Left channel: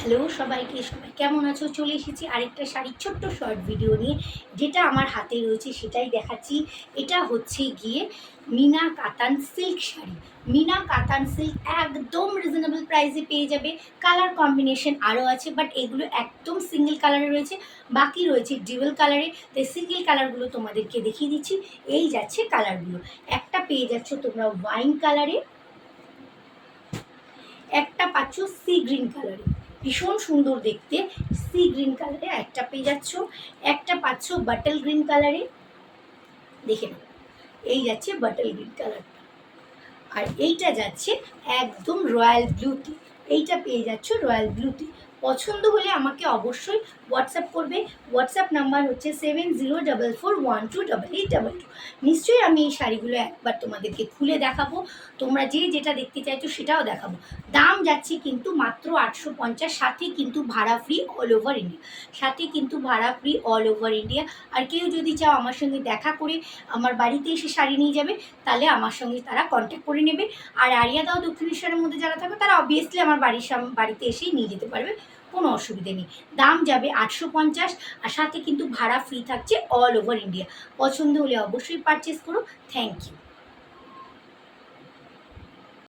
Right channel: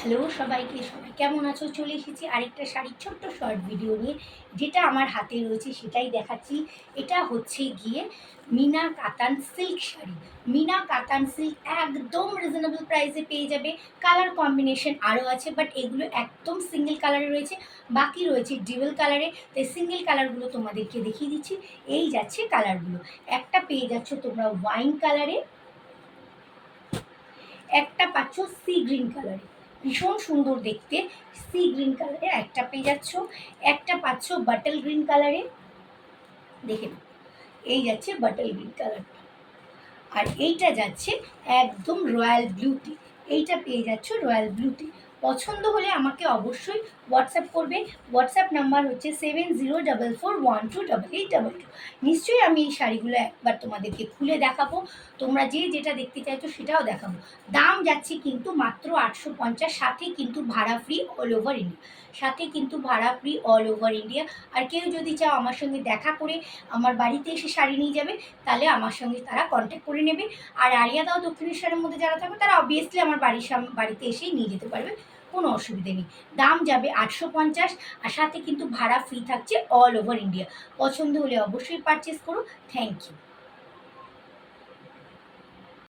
Hello সবাইকে, সবাই কেমন আছো? চলে এসেছি আরেকটা শাড়ির ছোট্ট শর্ট ভিডিও নিয়ে। যেটা আমার হাতে রয়েছে সেটাই দেখাচ্ছি। এটা হচ্ছে গিয়ে মিনা কাতান সিল্ক শাড়ি। মিনা কাতান সিল্ক একদম রিজনেবল প্রাইসে পেয়ে যাবে। কালার কম্বিনেশন আরও আছে, বাট এগুলো একদম সিঙ্গেল কালারে রয়েছে, বাকি রয়েছে ডুয়াল কালারে। তাই সিঙ্গেল কালারগুলো তোমাদেরকে দেখিয়ে দিচ্ছি। এই যাচ্ছে কালারগুলো। একটা পেয়ে যাচ্ছ তোমরা ওয়াইন কালারে, একটা পাচ্ছ সি গ্রিন কালারে, ভীষণ সুন্দর দেখতে। সি গ্রিন কালারে একটা পেয়ে যাচ্ছ, একটা পাচ্ছ বাটল গ্রিন কালারে। দেখে নাও, এই যাচ্ছে বাটল গ্রিন কালার, আর এইটা যাচ্ছে একদম রয়্যাল ব্লুতে। এইটা পেয়ে যাচ্ছ রয়্যাল ব্লুতে। পছন্দ হলে আমাকে অবশ্যই হোয়াটসঅ্যাপ করবে। হোয়াটসঅ্যাপ নাম্বার হচ্ছে 7044128822। নিশ্চয়ই আমি এই শাড়িগুলো একবার তোমাদেরকে খুলে দেখাবো। তোমরা যে যেটা দেখতে চাইছো সেটাও দেখাবো। দাম যাচ্ছে কিন্তু মাত্র 850, সাথে কিন্তু ভাড়া ফ্রি অল ওভার ইন্ডিয়া। সাথে কিন্তু ভাড়া ফ্রি অল ওভার ইন্ডিয়া। আর কেউ যদি চাও আমার সঙ্গে দেখা করে আমার বাড়িতে এসে শাড়ি নিয়ে যাবে, তাহলে আমার সঙ্গে তারা কন্ট্যাক্ট করে নেবে। আর আরিয়াদহ দক্ষিণেশ্বরের মধ্যে যারা থাকবে তারা অবভিয়াসলি আমার বাড়িতে এসেই নিয়ে যেতে পারবে, কোনো অসুবিধে নেই। দাম যাবে 850, আর সাথে কিন্তু ভাড়া ফ্রি থাকছে অল ওভার ইন্ডিয়া। পছন্দ হলে অবশ্যই পারচেস করো। Thank you.